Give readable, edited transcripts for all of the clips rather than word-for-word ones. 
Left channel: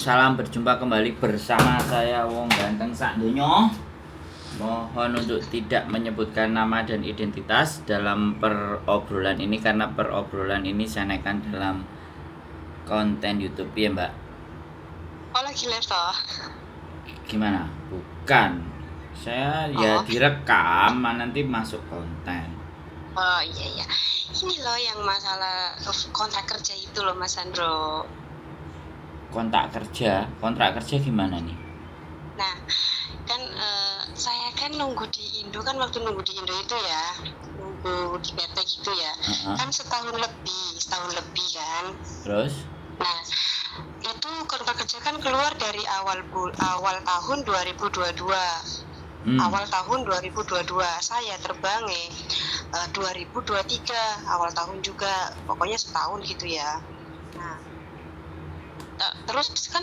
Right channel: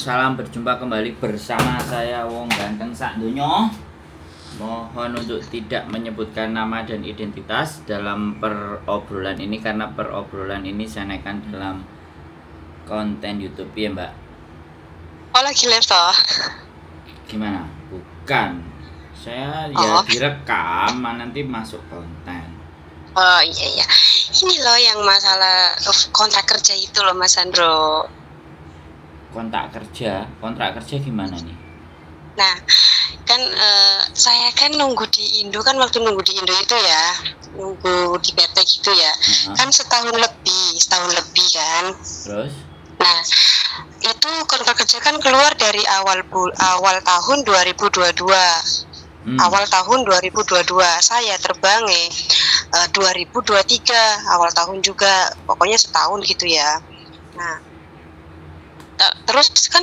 Salam berjumpa kembali bersama saya Wong Ganteng Sak Donya. Mohon untuk tidak menyebutkan nama dan identitas dalam perobrolan ini karena perobrolan ini saya naikkan dalam konten YouTube ya Mbak. Oh lagi live toh? Gimana? Bukan. Saya ya direkam nanti masuk konten. Oh iya. Ini loh yang masalah kontrak kerja itu loh Mas Sandro. Kontrak kerja gimana nih? Nah kan saya kan nunggu di Indo kan, waktu nunggu di Indo itu ya, nunggu di PT gitu ya, kan setahun lebih kan. Terus? Nah itu kontrak kerja kan keluar dari awal tahun 2022. Awal tahun 2022 saya terbang 2023 awal tahun juga, pokoknya setahun gitu ya. Nah terus kan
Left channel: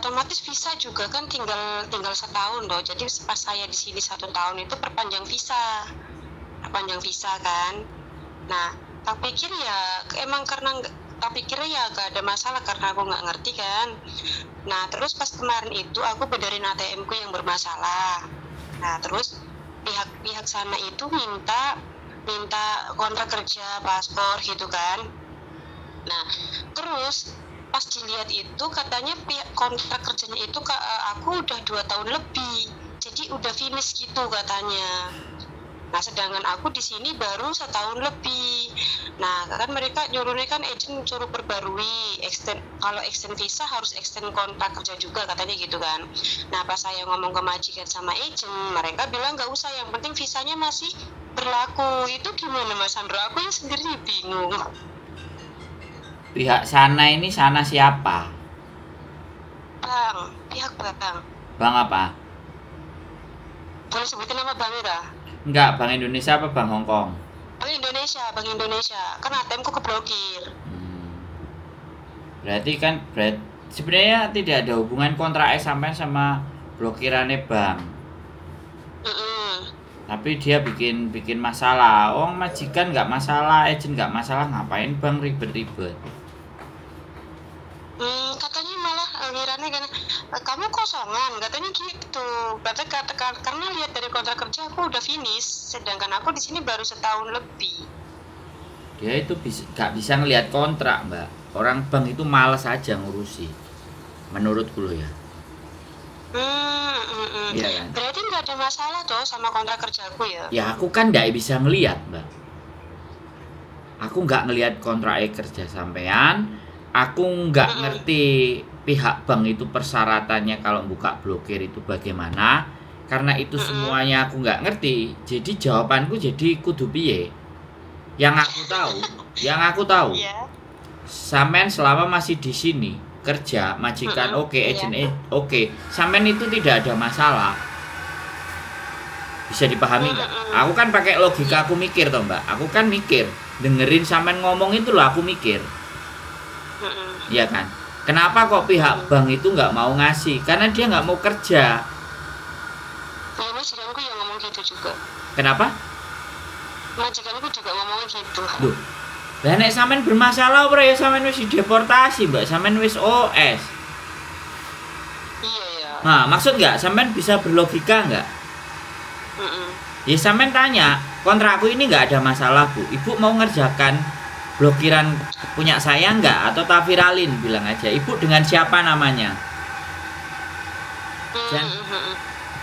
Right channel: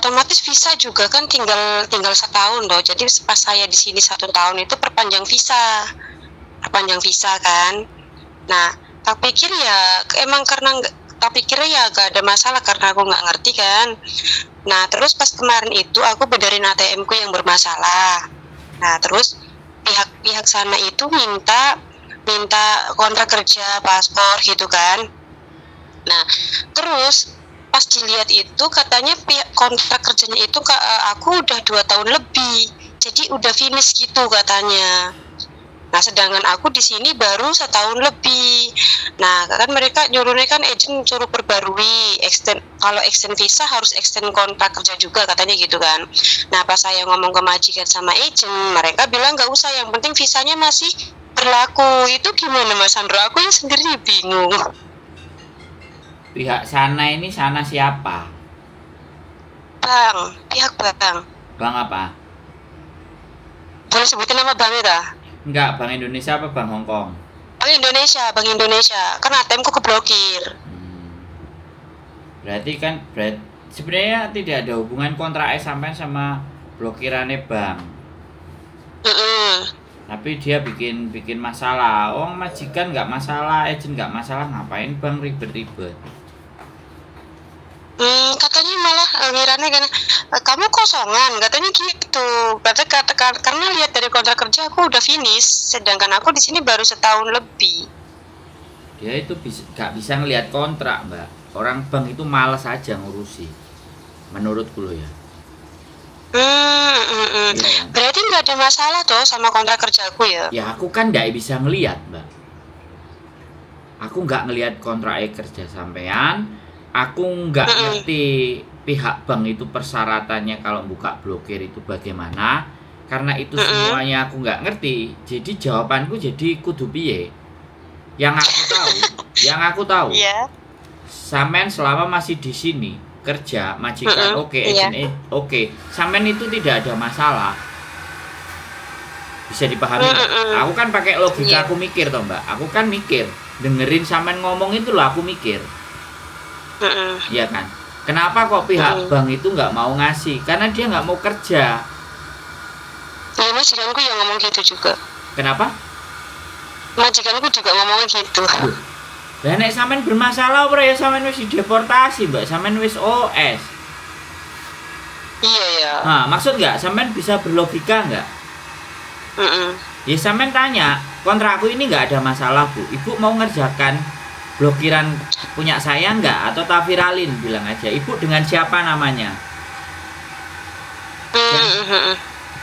otomatis visa juga kan tinggal setahun loh. Jadi pas saya di sini 1 tahun itu perpanjang visa kan. Nah tak pikir ya emang karena tak pikir ya gak ada masalah karena aku nggak ngerti kan. Nah terus pas kemarin itu aku benerin ATM ku yang bermasalah. Nah terus pihak sana itu minta kontrak kerja, paspor gitu kan. Nah terus pas dilihat itu katanya kontrak kerjanya itu aku udah 2 tahun lebih, jadi udah finish gitu katanya. Nah sedangkan aku di sini baru setahun lebih. Nah kan mereka nyuruhnya kan agent suruh perbarui, kalau extend visa harus extend kontrak kerja juga katanya gitu kan. Nah pas saya ngomong ke majikan sama agent, mereka bilang nggak usah, yang penting visanya masih berlaku. Itu gimana Mas Sandro? Aku ya sendiri bingung. Pihak sana ini siapa? Pihak bang. Bang apa? Boleh sebutin nama bang ya? Enggak, Bank Indonesia apa Bank Hongkong? Bank Indonesia. Kan ATM ku keblokir. Berarti kan sebenarnya tidak ada hubungan kontrak sampai sama blokirannya bank. Tapi dia bikin masalah. Oh majikan nggak masalah, agent nggak masalah, ngapain bank ribet-ribet? Katanya malah ngiranya kan kamu kosongan, katanya gitu. Karena lihat dari kontrak kerja aku udah finish, sedangkan aku di sini baru setahun lebih. Dia itu nggak bisa ngelihat kontrak Mbak. Orang bank itu malas aja ngurusi, menurutku loh ya. Iya, kan? Berarti nggak ada masalah tuh sama kontrak kerjaku ya? Ya aku kan nggak bisa ngelihat Mbak. Aku nggak ngelihat kontrak kerja sampean. Aku nggak ngerti pihak bank itu persyaratannya kalau buka blokir itu bagaimana. Karena itu semuanya aku nggak ngerti. Jadi jawabanku jadi kudu piye. Yang aku tahu. Sampean selama masih di sini kerja, majikan agent oke. Sampean itu tidak ada masalah. Bisa dipahami nggak? Aku kan pakai logika, aku mikir toh Mbak. Aku kan mikir, dengerin sampean ngomong itu loh aku mikir. Iya kan? Kenapa kok pihak bank itu nggak mau ngasih? Karena dia nggak mau kerja. Ya majikanku yang ngomong gitu juga. Kenapa? Majikanku juga ngomong gitu. Lah nek sampean bermasalah ora ya sampean wis dideportasi, Mbak. Sampean wis OS. Iya ya. Nah, maksud nggak sampean bisa berlogika nggak? Ya sampean tanya, kontrakku ini nggak ada masalah Bu. Ibu mau ngerjakan blokiran punya saya nggak atau tak viralin, bilang aja. Ibu dengan siapa namanya?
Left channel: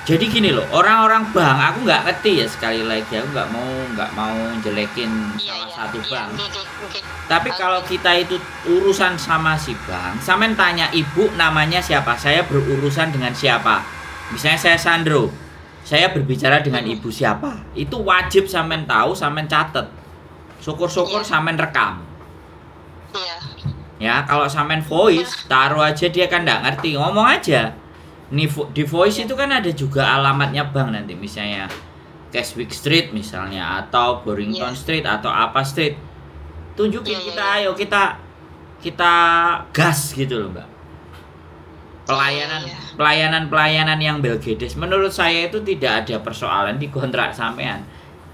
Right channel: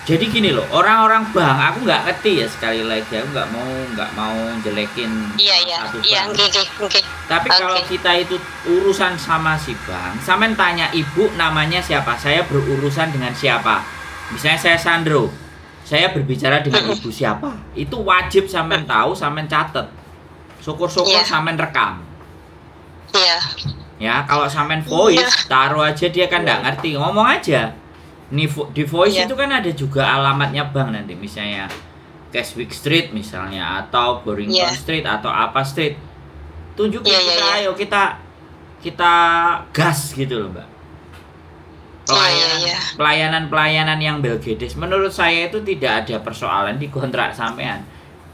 Jadi gini loh, orang-orang bank aku nggak ngerti ya, sekali lagi aku nggak mau jelekin satu bank. Tapi kalau kita itu urusan sama si bank, sampean tanya ibu namanya siapa, saya berurusan dengan siapa. Misalnya saya Sandro, saya berbicara dengan ibu siapa, itu wajib sampean tahu, sampean catet. Syukur-syukur sampean rekam. Ya kalau sampean voice, taruh aja dia kan nggak ngerti, ngomong aja. Di voice itu kan ada juga alamatnya bank nanti, misalnya Keswick Street misalnya, atau Borington Street atau apa street. Tunjukin ayo kita gas gitu loh Mbak. Pelayanan yang belgedes menurut saya itu tidak ada persoalan di kontrak sampean.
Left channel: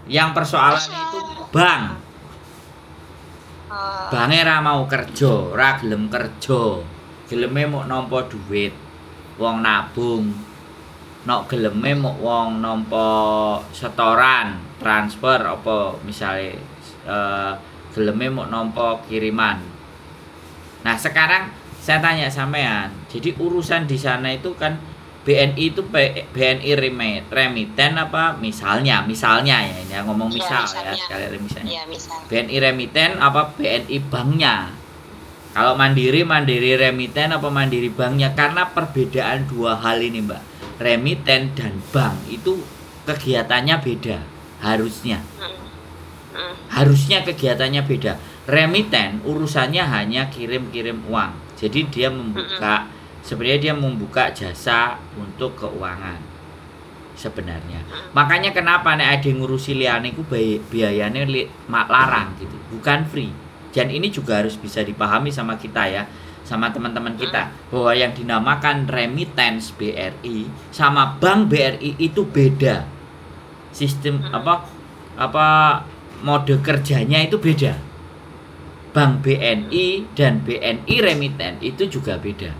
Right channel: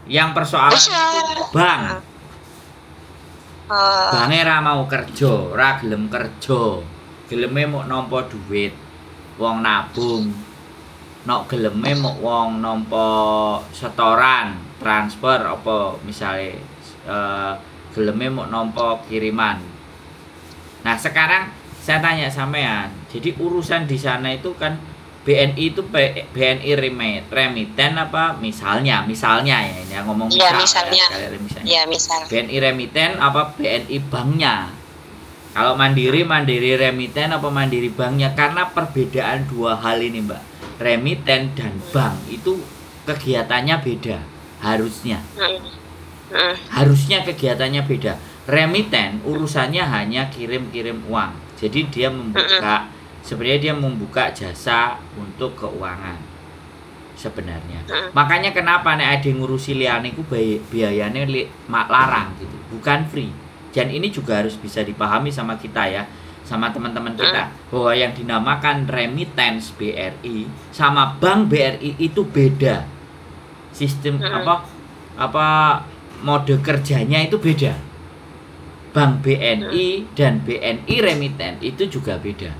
Yang persoalan itu bank. Bange ra mau kerja, ra gelem kerja. geleme mau nampa duit, wong nabung. Nok geleme mau wong nampa setoran, transfer apa misale geleme mau nampa kiriman. Nah, sekarang saya tanya sampean, jadi urusan di sana itu kan BNI itu BNI remiten apa misalnya ya ini ngomong misal ya sekali misalnya. Ya, misal. BNI remiten apa BNI banknya. Kalau Mandiri remiten apa Mandiri banknya, karena perbedaan dua hal ini, Mbak. Remiten dan bank itu kegiatannya beda harusnya. Harusnya kegiatannya beda. Remiten urusannya hanya kirim-kirim uang. Jadi dia membuka sebenarnya dia membuka jasa untuk keuangan sebenarnya. Makanya kenapa nek ada ngurusi liyane iku biayane larang gitu, bukan free. Dan ini juga harus bisa dipahami sama kita ya, sama teman-teman kita, bahwa yang dinamakan remittance BRI sama bank BRI itu beda. Sistem apa mode kerjanya itu beda. Bank BNI dan BNI remittance itu juga beda.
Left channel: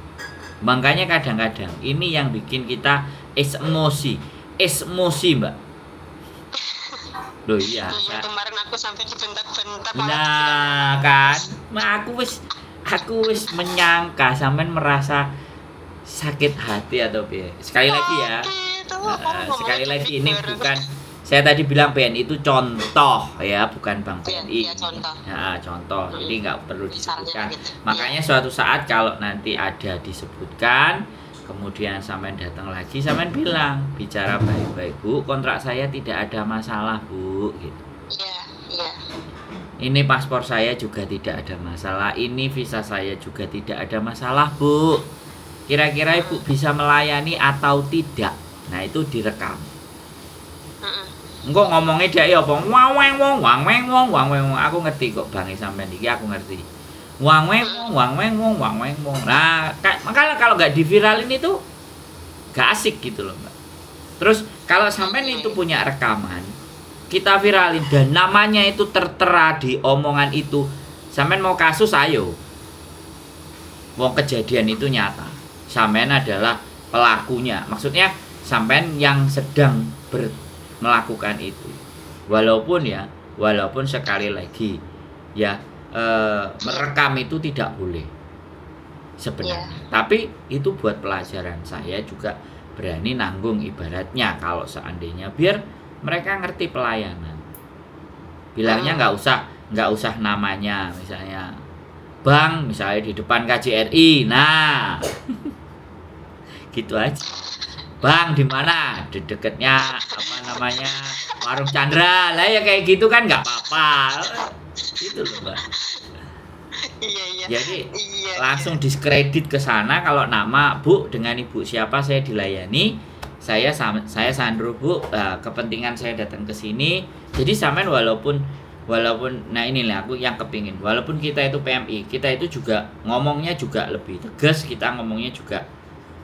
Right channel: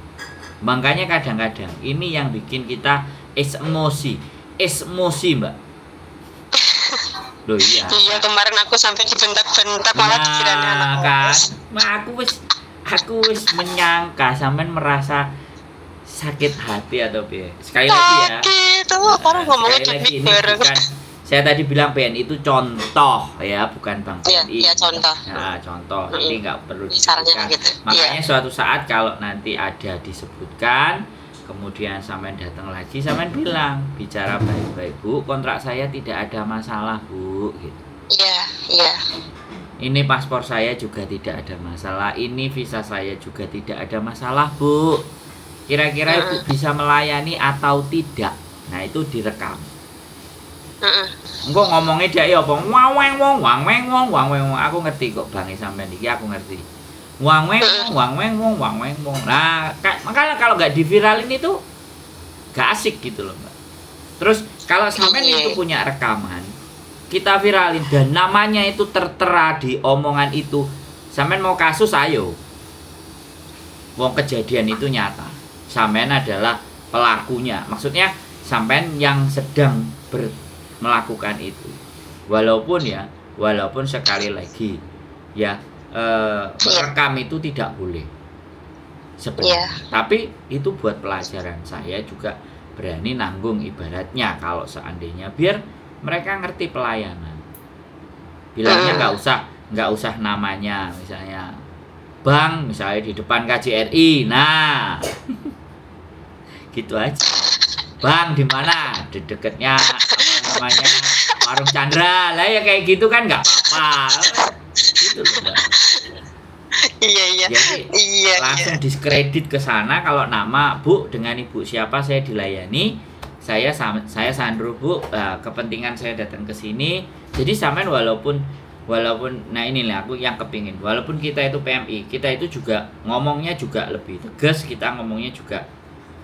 Makanya kadang-kadang ini yang bikin kita emosi, Mbak. Loh iya. Iya, kemarin aku sampai dibentak-bentak nah, kan. Aku wis menyangka sampean merasa sakit hati atau piye. Sekali lagi ya. Sekali lagi ini bukan, saya tadi bilang BNI itu contoh ya, bukan Bank BNI. Iya, contoh. Nah, contoh. Ini nggak perlu disebutkan. Gitu. Makanya suatu saat kalau nanti ada disebutkan, kemudian sampean datang lagi, sampean bilang, bicara baik-baik, Bu, kontrak saya tidak ada masalah, Bu, gitu. Iya. Ini paspor saya juga tidak ada masalah, ini visa saya juga tidak ada masalah, Bu. Kira-kira Ibu bisa melayani atau tidak? Nah, itu direkam. Engko ngomongnya dia apa? Wang. Aku ngerti kok Bang sampean iki, aku ngerti. Wang. Nah, makanya kalau nggak diviralin itu nggak asik gitu loh, Mbak. Terus kalau sampean itu punya rekaman, kita viralin dan namanya itu tertera di omongan itu, sampean mau kasus ayo. Wong kejadian itu nyata. Sampean adalah pelakunya. Maksudnya sampean yang sedang melakukan itu. Walaupun sekali lagi ya merekam itu tidak boleh sebenarnya. Tapi itu buat pelajaran, saya juga berani nanggung ibaratnya kalau seandainya biar mereka ngerti pelayanan. Bilangnya nggak usah namanya, misalnya bank, misalnya di depan KJRI. Nah, gitu aja. Bang di mana? Di dekatnya apa namanya? Warung Chandra. Lah ya kayak gitu kan nggak apa-apa. Gitu loh, Mbak. Iya. Jadi langsung diskredit ke sana kalau nama Bu, dengan Ibu siapa saya dilayani. Saya Sandro, Bu. Kepentingan saya datang ke sini. Jadi sampean walaupun nah inilah aku yang kepingin. Walaupun kita itu PMI, kita itu juga ngomongnya juga lebih tegas, kita ngomongnya juga,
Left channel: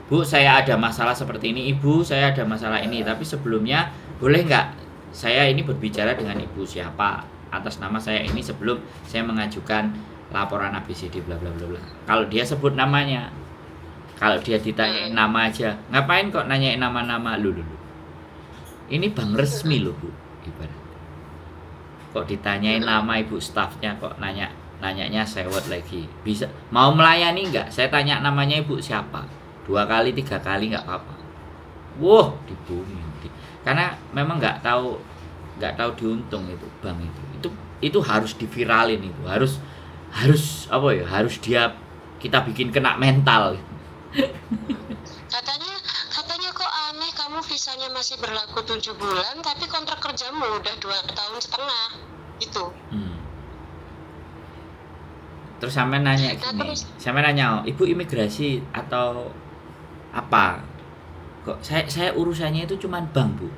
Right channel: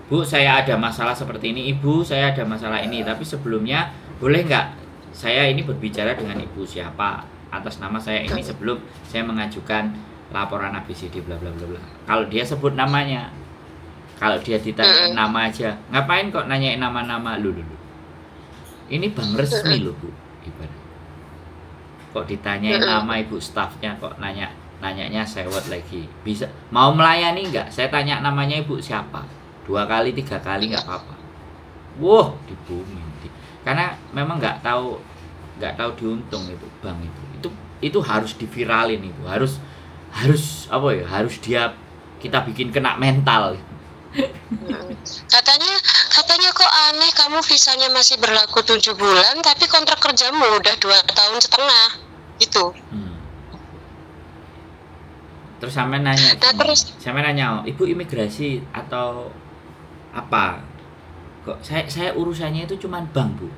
Bu, saya ada masalah seperti ini, Ibu, saya ada masalah ini, tapi sebelumnya boleh nggak saya ini berbicara dengan Ibu siapa atas nama saya ini sebelum saya mengajukan laporan ABCD bla bla bla bla. Kalau dia sebut namanya, kalau dia ditanyain nama aja, ngapain kok nanyain nama-nama lu. Ini bank resmi loh, Bu, ibarat. Kok ditanyain nama ibu stafnya, kok nanyanya sewot lagi. Bisa mau melayani nggak? Saya tanya namanya ibu siapa. 2 kali 3 kali nggak apa-apa. Wah, dibooming. Karena memang nggak tahu diuntung itu bank itu harus diviralin, itu harus apa ya, harus kita bikin kena mental. Katanya kok aneh, kamu visanya masih berlaku 7 bulan tapi kontrak kerjamu udah 2,5 tahun gitu. Terus sampe nanya, Ibu imigrasi atau apa? Kok saya urusannya itu cuman bank, Bu.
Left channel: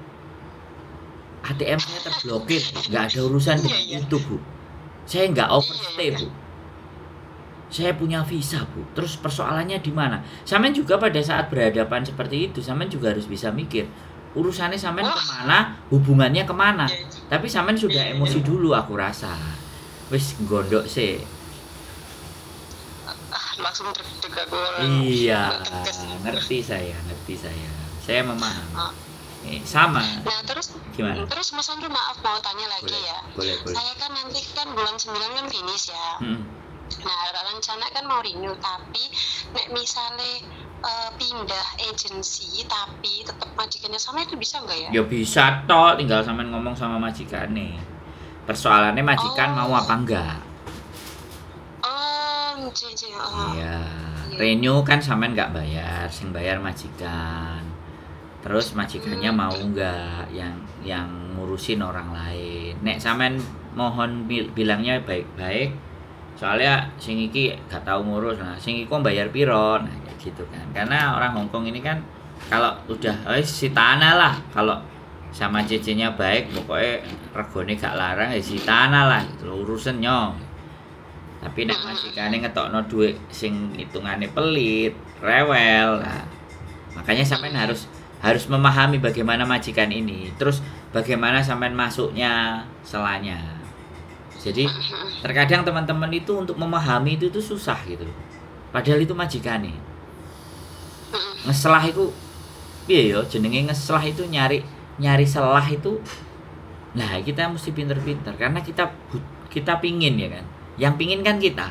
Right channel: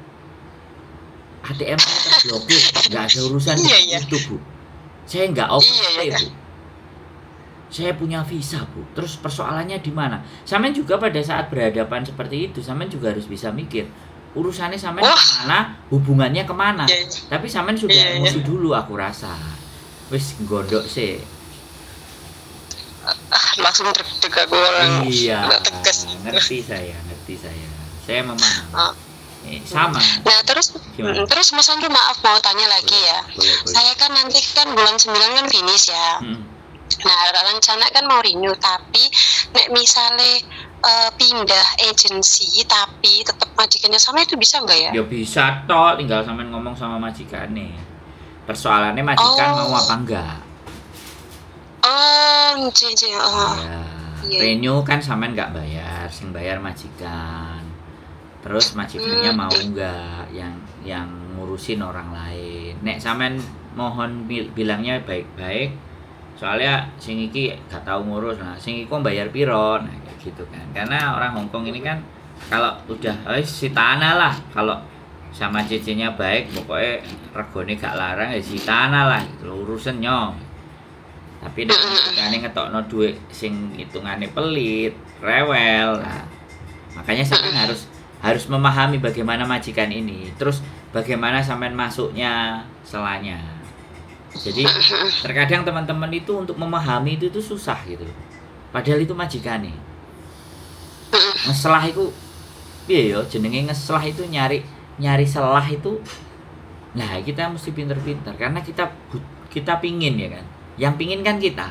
ATM saya terblokir, nggak ada urusan itu, Bu. Saya nggak overstay, Bu. Saya punya visa, Bu. Terus persoalannya di mana? Sampean juga pada saat berhadapan seperti itu, sampean juga harus bisa mikir urusannya sampean kemana, hubungannya kemana. Tapi sampean sudah emosi dulu, aku rasa. Wis gondok sih. Langsung deg-deg aku Iya, nggak tegas. ngerti saya. Saya memahami. Oh. Sama. Nah terus Gimana? terus Mas Andrew, maaf mau tanya lagi Boleh, ya. boleh. Saya kan nanti kan bulan 9 kan finish ya. Mm-mm. Nah rencana kan mau renew, tapi nek misalnya pindah agensi tapi tetap majikannya sama, itu bisa nggak ya? Ya bisa toh, tinggal sampean ngomong sama majikan nih. Persoalannya majikan mau apa enggak? Oh, jadi Iya. iya. Renew kan sampean nggak bayar, sing bayar majikan. Terus majikannya mau enggak yang ngurusin orang lain. Nek sampean mohon bilangnya baik-baik. Soalnya sing iki gak tahu ngurus. Nah, sing iku bayar piro? Nah, kayak gitu kan. Karena orang Hongkong ini kan kalau udah si tanah lah, kalau sama cc-nya baik, pokoknya regone gak larang ya si tanah lah gitu loh, urusannya. Tapi nek majikane ngetokno duit sing hitungane pelit, rewel. Nah, makanya sampean harus memahami bagaimana majikan ini, terus bagaimana sampean masuknya selanya. Jadi terkadang teman-teman itu untuk memahami itu susah gitu. Padahal itu majikan nih. Ngeselah itu piye yo jenenge ngeselah itu nyari selah itu. Nah, kita mesti pinter-pinter karena kita pingin ya kan. Yang pingin kan kita.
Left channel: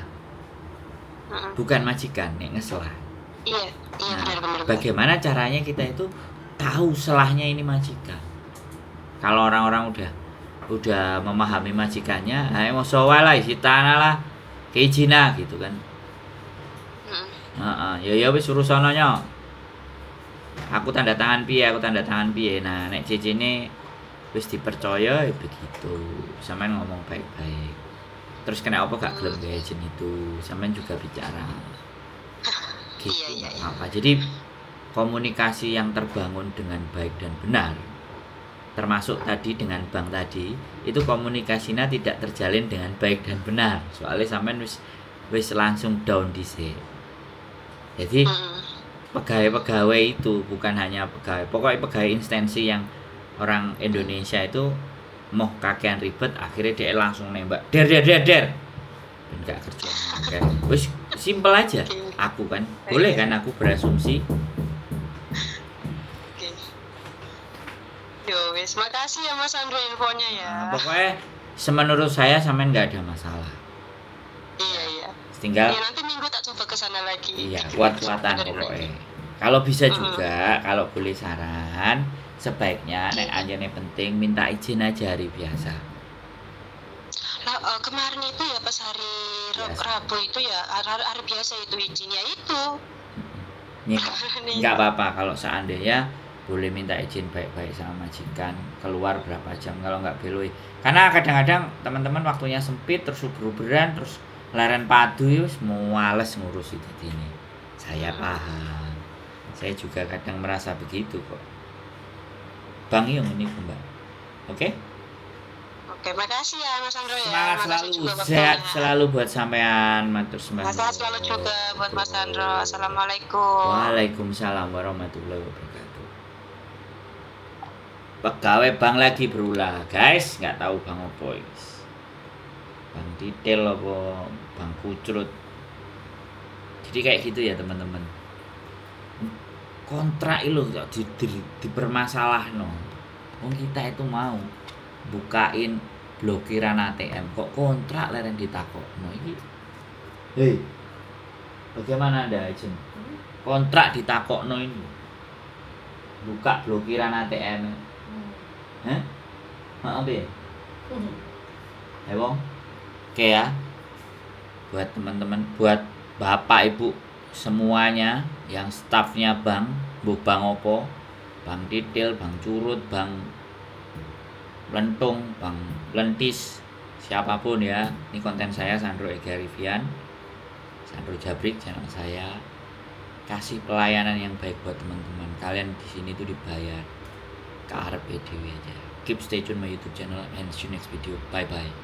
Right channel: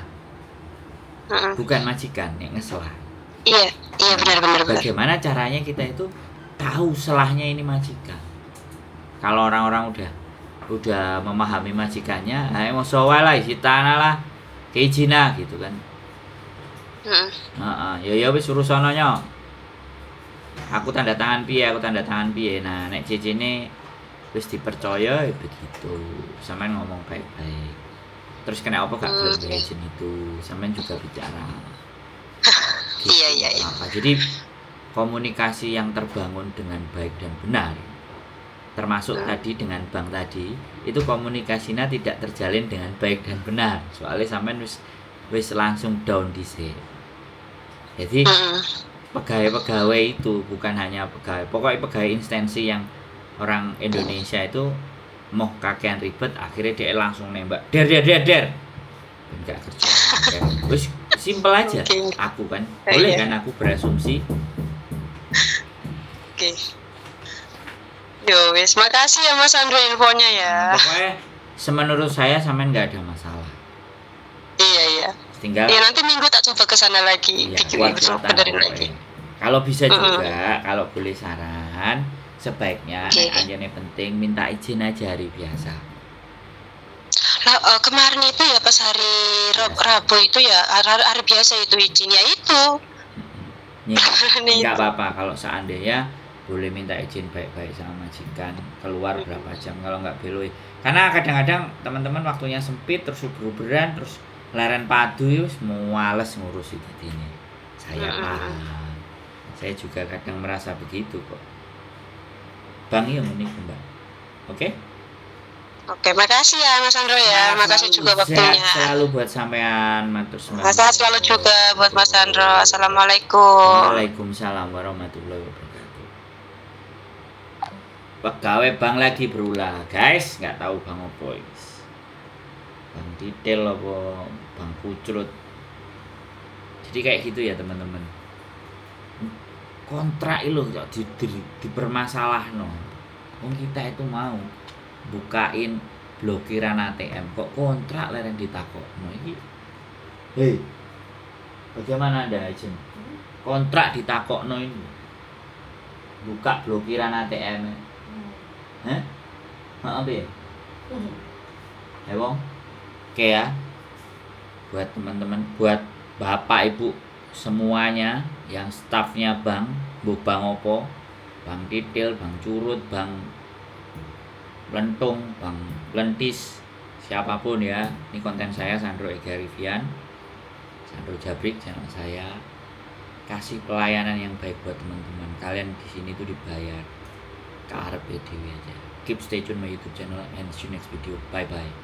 Bukan majikan yang ngeselah. Iya, benar. Bagaimana caranya kita itu tahu selahnya ini majikan. Kalau orang-orang udah memahami majikannya, mau soal lah isi tanah lah, keizina gitu kan. Ya wis suruh sononya. Aku tanda tangan piye. Nah, nek CC ini wis dipercaya ya begitu. Sampean ngomong baik-baik. Terus kena apa gak gelem izin itu, sampean juga bicara. Gitu. Iya. Apa? Jadi komunikasi yang terbangun dengan baik dan benar, termasuk tadi dengan bank tadi, itu komunikasinya tidak terjalin dengan baik dan benar. Soalnya sampean wis langsung down dhisik. Jadi pegawai itu bukan hanya pegawai instansi yang orang Indonesia itu mau kakean ribet, akhirnya dia langsung nembak der dan gak kerja. Wis simpel aja. Aku kan boleh kan aku berasumsi. Oke. Yo wis, makasih ya Mas Andrew infonya ya. Pokoknya semenurut saya sampean nggak ada masalah. Iya. Tinggal. Ya nanti minggu tak coba ke sana lagi. Iya, kuat-kuatan pokoknya. Kalau bisa juga, kalau boleh saran, sebaiknya nek anjane penting minta izin aja hari biasa. Nah, kemarin itu ya pas hari Rabu itu ya hari biasa itu izinnya itu. Nggak apa-apa kalau seandainya boleh minta izin baik-baik sama majikan, keluar berapa jam kalau nggak beloi. Karena kadang-kadang teman-teman waktunya sempit, terus uber-uberan, terus leren padu ya males ngurus itu ini. Saya paham. Saya juga kadang merasa begitu kok. Bang yang ini Mbak. Oke? Oke, makasih ya Mas Andrew ya. Makasih juga waktunya. Sehat selalu buat sampean, matur sembah. Sehat selalu juga buat Mas Andrew. Assalamualaikum. Waalaikumsalam warahmatullahi wabarakatuh. Pegawai bank lagi berulah, guys. Nggak tahu bang apa ini. Bang detail apa bang kucrut. Jadi kayak gitu ya teman-teman. Kontrak itu dipermasalahno. Wong kita itu mau bukain blokiran ATM kok kontrak leren ditakokno iki. Hei. Bagaimana Anda izin? Kontrak ditakokno ini. Buka blokiran ATM. Hah? Apa ya? Wong. Oke ya. Buat teman-teman, buat Bapak Ibu semuanya yang stafnya bank, bang opo, bang detail, bang curut, bang lentung, bang lentis, siapapun ya. Ini konten saya Sandro Ega Rivian, Sandro Jabrik channel saya. Kasih pelayanan yang baik buat teman-teman. Kalian di sini tuh dibayar. Karep dewe aja. Keep stay tune my YouTube channel and see you next video. Bye bye.